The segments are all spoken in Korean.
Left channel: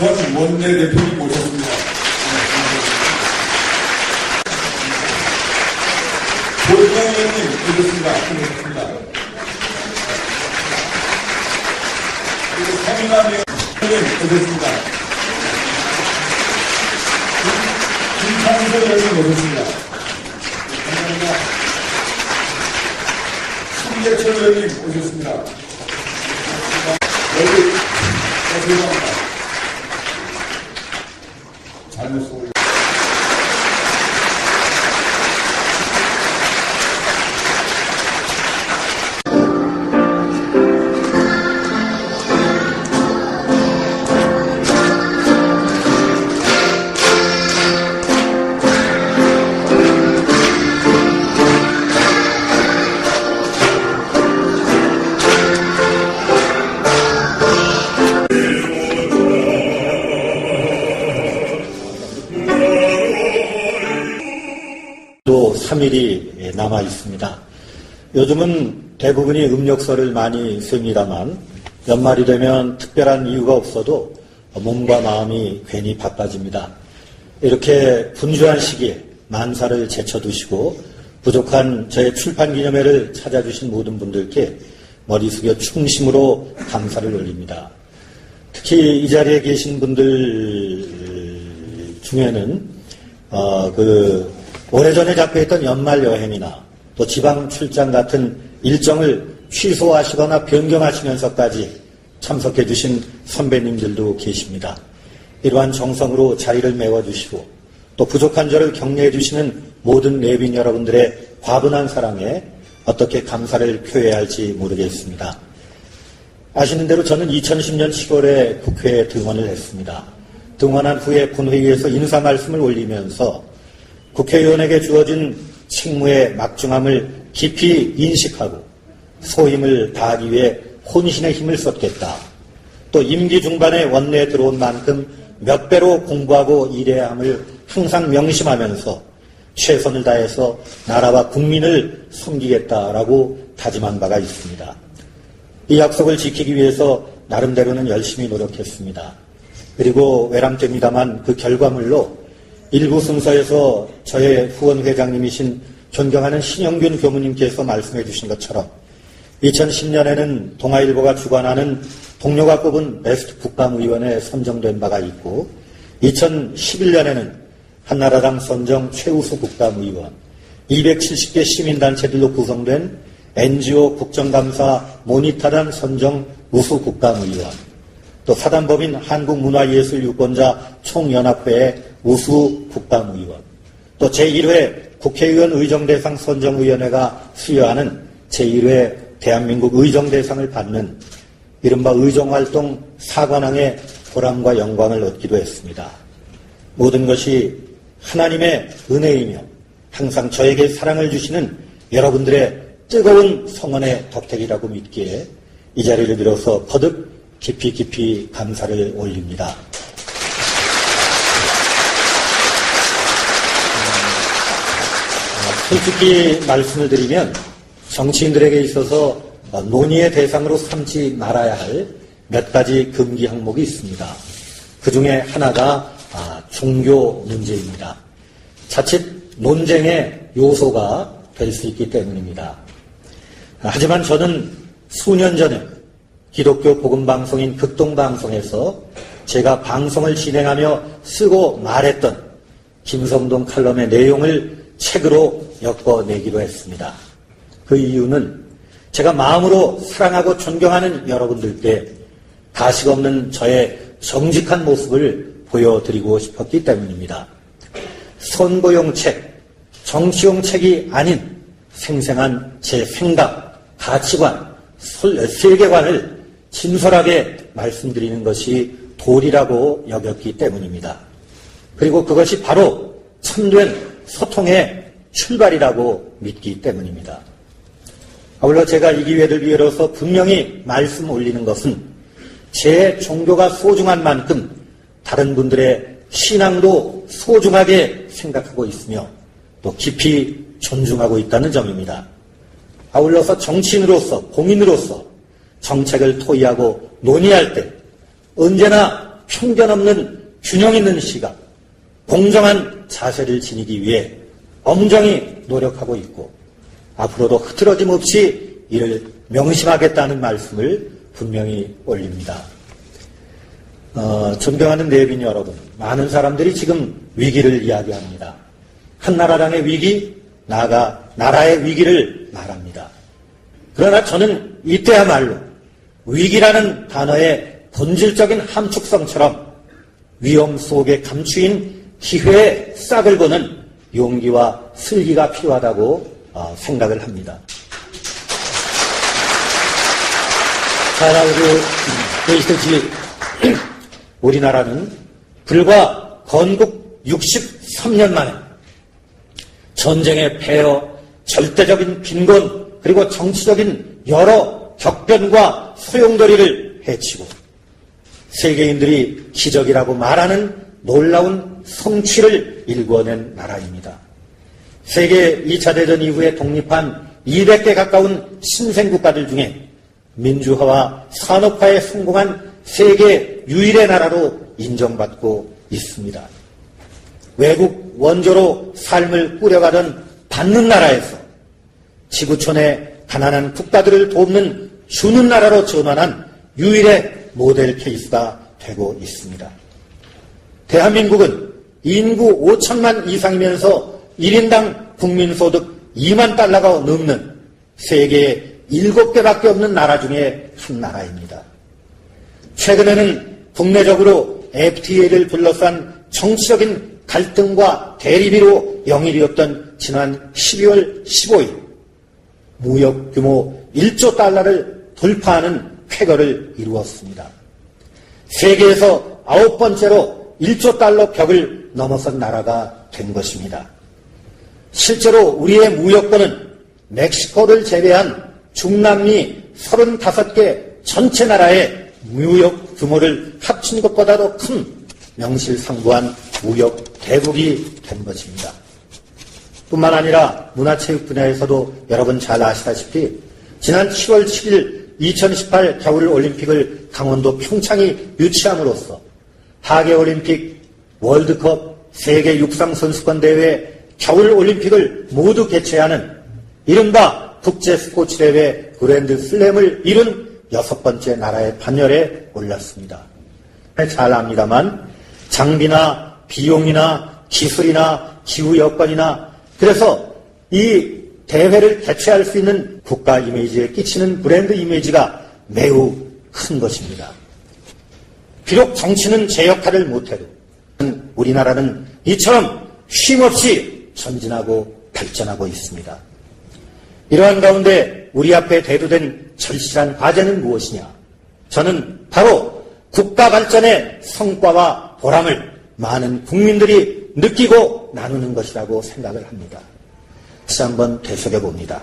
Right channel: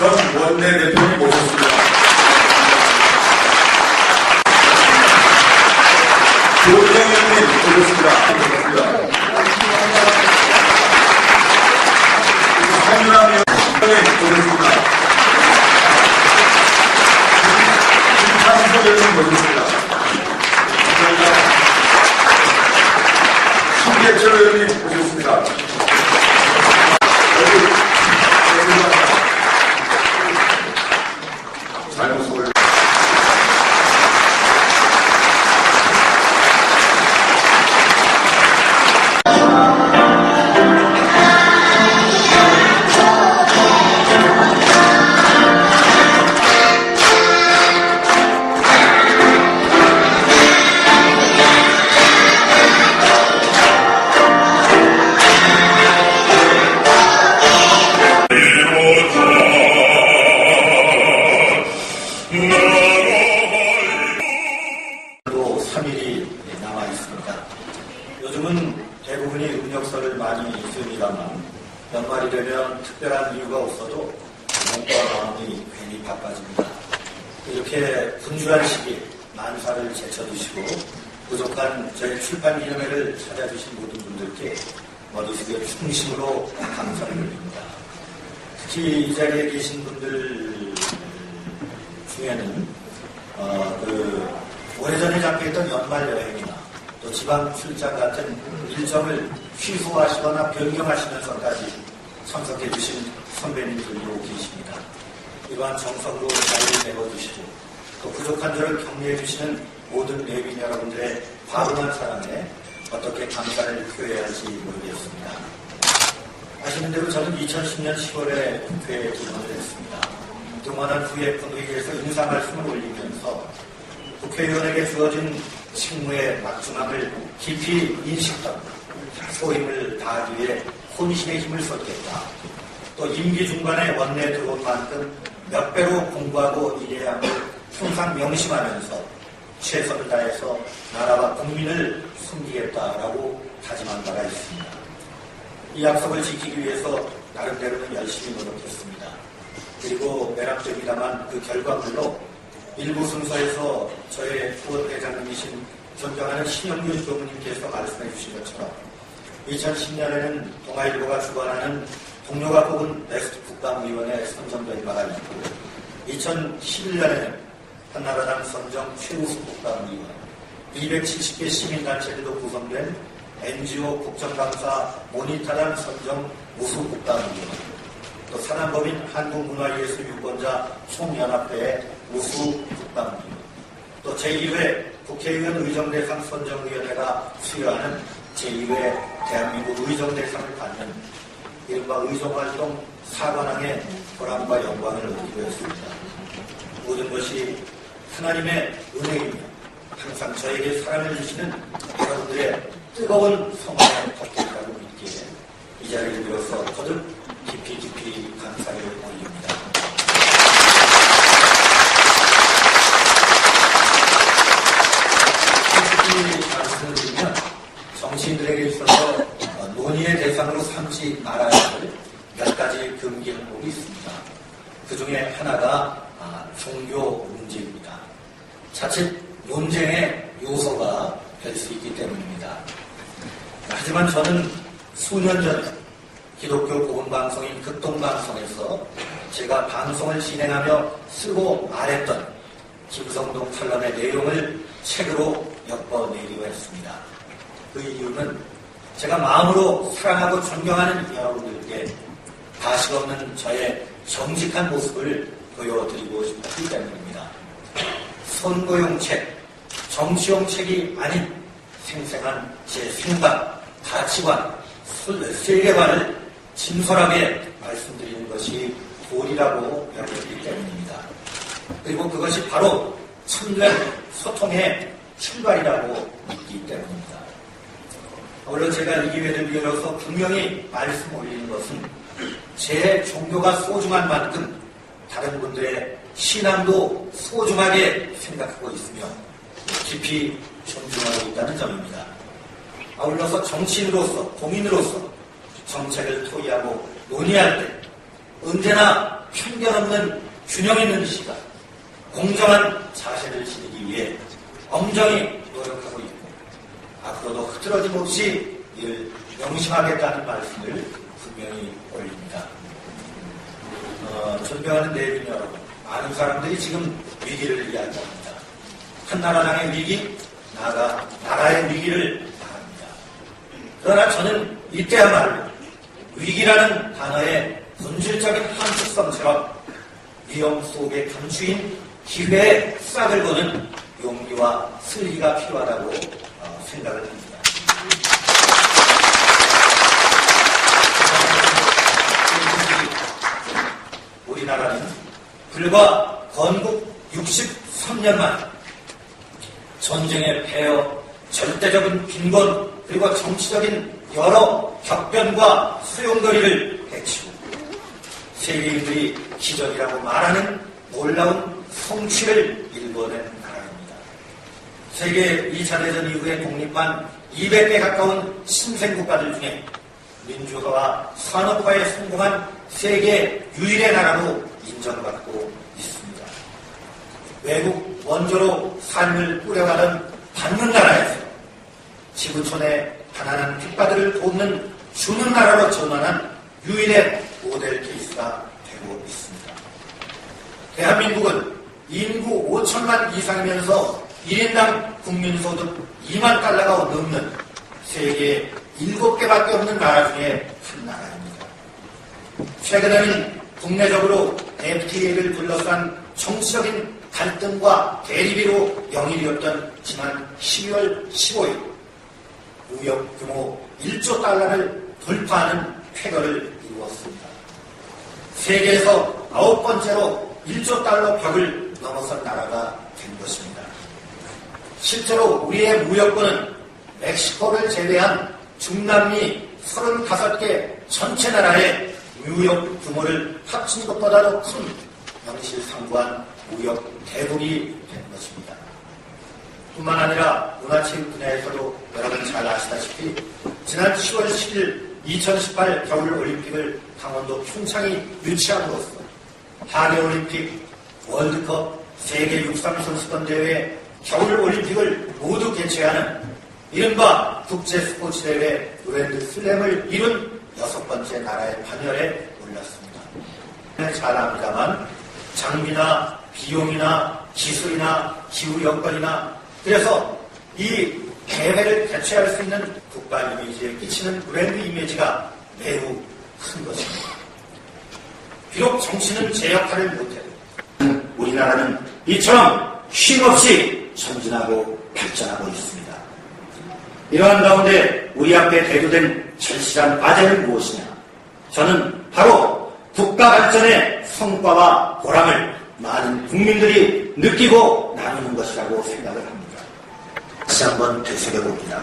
전 원내대표님 모셨습니다. 조은영 의원님 모셨습니다. 하준남 의원님 모셨습니다. 김상수 의원님 모셨습니다. 감사합니다. 신계철 의원님 모셨습니다. 잘못 소리. 또 3일이 남아 있습니다. 요즘은 대부분이 음력설을 많이 씁니다만 연말이 되면 특별한 이유가 없어도 몸과 마음이 괜히 바빠집니다. 이렇게 분주한 시기에 만사를 제쳐두시고 부족한 저의 출판 기념회를 찾아주신 모든 분들께 머리 숙여 충심으로 감사를 올립니다. 특히 이 자리에 계신 분들 중에는 오래전에 잡혀있던 연말 여행이나 또 지방 출장 같은 일정을 취소하시거나 변경하시면서까지 참석해 주신 선배님들도 계십니다. 이러한 정성으로 자리를 메워주시고 또 부족한 저를 격려해 주시는 모든 내빈 여러분들의 과분한 사랑에 어떻게 감사를 표해야 할지 모르겠습니다. 아시는 대로 저는 2010년 10월에 국회에 등원을 했습니다. 등원한 후에 본회의에서 인사 말씀을 올리면서 국회의원에게 주어진 직무의 막중함을 깊이 인식하고 소임을 다하기 위해 혼신의 힘을 쏟겠다. 또 임기 중반에 원내에 들어온 만큼 몇 배로 공부하고 일해야 함을 항상 명심하면서 최선을 다해서 나라와 국민을 섬기겠다라고 다짐한 바가 있습니다. 이 약속을 지키기 위해서 나름대로는 열심히 노력했습니다. 그리고 외람됩니다만 그 결과물로 일부 순서에서 저의 후원회장님이신 존경하는 신영균 교무님께서 말씀해 주신 것처럼 2010년에는 동아일보가 주관하는 동료가 뽑은 베스트 국방위원회에 선정된 바가 있고 2011년에는 한나라당 선정 최우수 국방위원, 270개 시민단체들로 구성된 NGO 국정감사 모니터단 선정 우수 국방위원, 또 사단법인 한국문화예술유권자 총연합회의 우수 국방위원, 또 제1회 국회의원 의정대상 선정위원회가 수여하는 제1회 대한민국 의정대상을 받는 이른바 의정활동 사관왕의 보람과 영광을 얻기도 했습니다. 모든 것이 하나님의 은혜이며 항상 저에게 사랑을 주시는 여러분들의 뜨거운 성원의 덕택이라고 믿기에 이 자리를 빌어서 거듭 깊이 감사를 올립니다. 솔직히 말씀을 드리면 정치인들에게 있어서 논의의 대상으로 삼지 말아야 할 몇 가지 금기 항목이 있습니다. 그 중에 하나가 종교 문제입니다. 자칫 논쟁의 요소가 될 수 있기 때문입니다. 하지만 저는 수년 전에 기독교 복음방송인 극동방송에서 제가 방송을 진행하며 쓰고 말했던 김성동 칼럼의 내용을 책으로 엮어내기도 했습니다. 그 이유는 제가 마음으로 사랑하고 존경하는 여러분들께 가식 없는 저의 정직한 모습을 보여드리고 싶었기 때문입니다. 선거용 책, 정치용 책이 아닌 생생한 제 생각, 가치관, 세계관을 진솔하게 말씀드리는 것이 도리라고 여겼기 때문입니다. 그리고 그것이 바로 참된 소통의 출발이라고 믿기 때문입니다. 아울러 제가 이 기회를 빌어서 분명히 말씀 올리는 것은 제 종교가 소중한 만큼 다른 분들의 신앙도 소중하게 생각하고 있으며 또 깊이 존중하고 있다는 점입니다. 아울러서 정치인으로서, 공인으로서 정책을 토의하고 논의할 때 언제나 편견 없는 균형 있는 시각, 공정한 자세를 지니기 위해 엄정히 노력하고 있고 앞으로도 흐트러짐 없이 이를 명심하겠다는 말씀을 분명히 올립니다. 존경하는 내빈 여러분, 많은 사람들이 지금 위기를 이야기합니다. 한나라당의 위기, 나아가 나라의 위기를 말합니다. 그러나 저는 이때야말로 위기라는 단어의 본질적인 함축성처럼 위험 속에 감추인 기회의 싹을 보는 용기와 슬기가 필요하다고 생각을 합니다. 자, 우리나라는 불과 건국 63년 만 전쟁의 폐허, 절대적인 빈곤, 그리고 정치적인 여러 격변과 소용돌이를 해치고 세계인들이 기적이라고 말하는 놀라운 성취를 일궈낸 나라입니다. 세계 2차 대전 이후에 독립한 200대 가까운 신생국가들 중에 민주화와 산업화에 성공한 세계 유일의 나라로 인정받고 있습니다. 외국 원조로 삶을 꾸려가던 받는 나라에서 지구촌의 가난한 국가들을 돕는 주는 나라로 전환한 유일의 모델 케이스가 되고 있습니다. 대한민국은 인구 5천만 이상이면서 1인당 국민소득 2만 달러가 넘는 세계 7개밖에 없는 나라 중에 한 나라입니다. 최근에는 국내적으로 FTA를 둘러싼 정치적인 갈등과 대립으로 영입이었던 지난 12월 15일 무역 규모 1조 달러를 돌파하는 쾌거를 이루었습니다. 세계에서 9번째로 1조 달러 벽을 넘어선 나라가 된 것입니다. 실제로 우리의 무역권은 멕시코를 제외한 중남미 35개 전체 나라의 무역 규모를 합친 것보다도 큰 명실상부한 무역 대국이 된 것입니다. 뿐만 아니라 문화체육 분야에서도 여러분 잘 아시다시피 지난 10월 7일 2018 겨울올림픽을 강원도 평창이 유치함으로써 하계올림픽, 월드컵, 세계 육상선수권대회, 겨울올림픽을 모두 개최하는 이른바 국제스포츠대회 그랜드슬램을 이룬 6번째 나라의 반열에 올랐습니다. 잘 압니다만 장비나 비용이나 기술이나 기후 여건이나 그래서 이 대회를 개최할 수 있는 국가 이미지에 끼치는 브랜드 이미지가 매우 큰 것입니다. 비록 정치는 제 역할을 못해도 우리나라는 이처럼 쉼없이 전진하고 발전하고 있습니다. 이러한 가운데 우리 앞에 대두된 절실한 과제는 무엇이냐? 저는 바로 국가 발전의 성과와 보람을 많은 국민들이 느끼고 나누는 것이라고 생각을 합니다. 다시 한번 되새겨봅니다.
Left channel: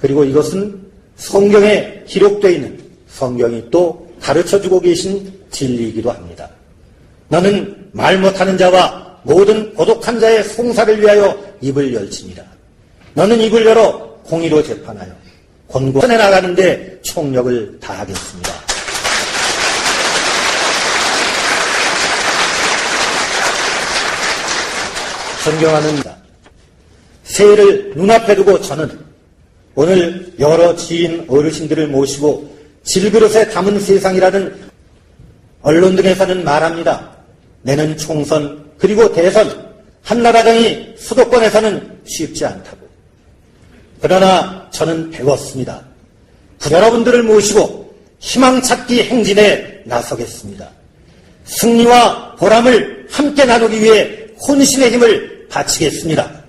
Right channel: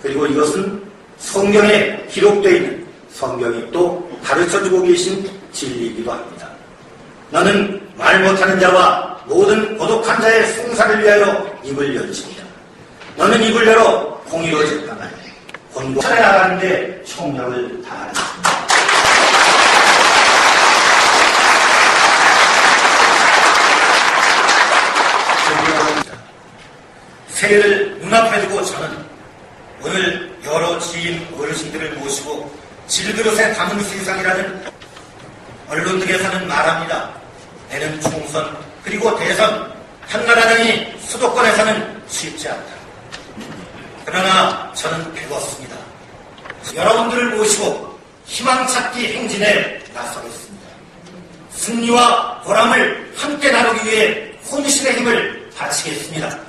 그리고 이것은 성경에 기록되어 있는 성경이 또 가르쳐주고 계신 진리이기도 합니다. 너는 말 못하는 자와 모든 고독한 자의 송사를 위하여 입을 열칩니다. 너는 입을 열어 공의로 재판하여 권고전에 나가는데 총력을 다하겠습니다. 존경하는 자, 새해를 눈앞에 두고 저는 오늘 여러 지인 어르신들을 모시고 질그릇에 담은 세상이라는 언론 등에서는 말합니다. 내년 총선 그리고 대선 한나라당이 수도권에서는 쉽지 않다. 그러나 저는 배웠습니다. 여러분들을 모시고 희망찾기 행진에 나서겠습니다. 승리와 보람을 함께 나누기 위해 혼신의 힘을 바치겠습니다.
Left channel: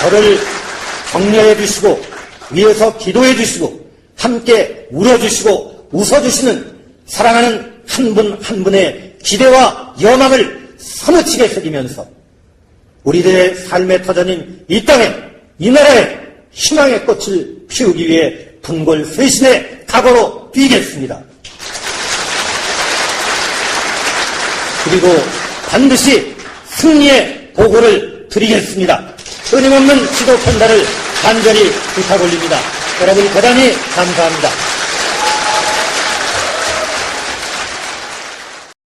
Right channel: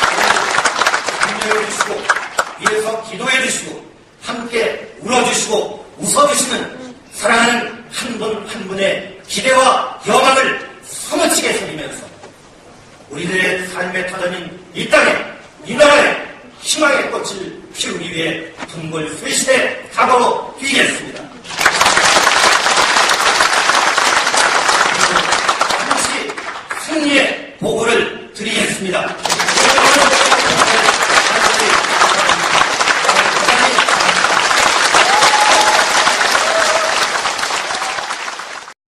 저를 격려해 주시고 위에서 기도해 주시고 함께 울어주시고 웃어주시는 사랑하는 한 분 한 분의 기대와 염원을 사무치게 새기면서 우리들의 삶의 터전인 이 땅에 이 나라에 희망의 꽃을 피우기 위해 군골쇄신의 각오로 뛰겠습니다. 그리고 반드시 승리의 보고를 드리겠습니다. 끊임없는 지도 평가를 간절히 부탁올립니다. 여러분 대단히 감사합니다.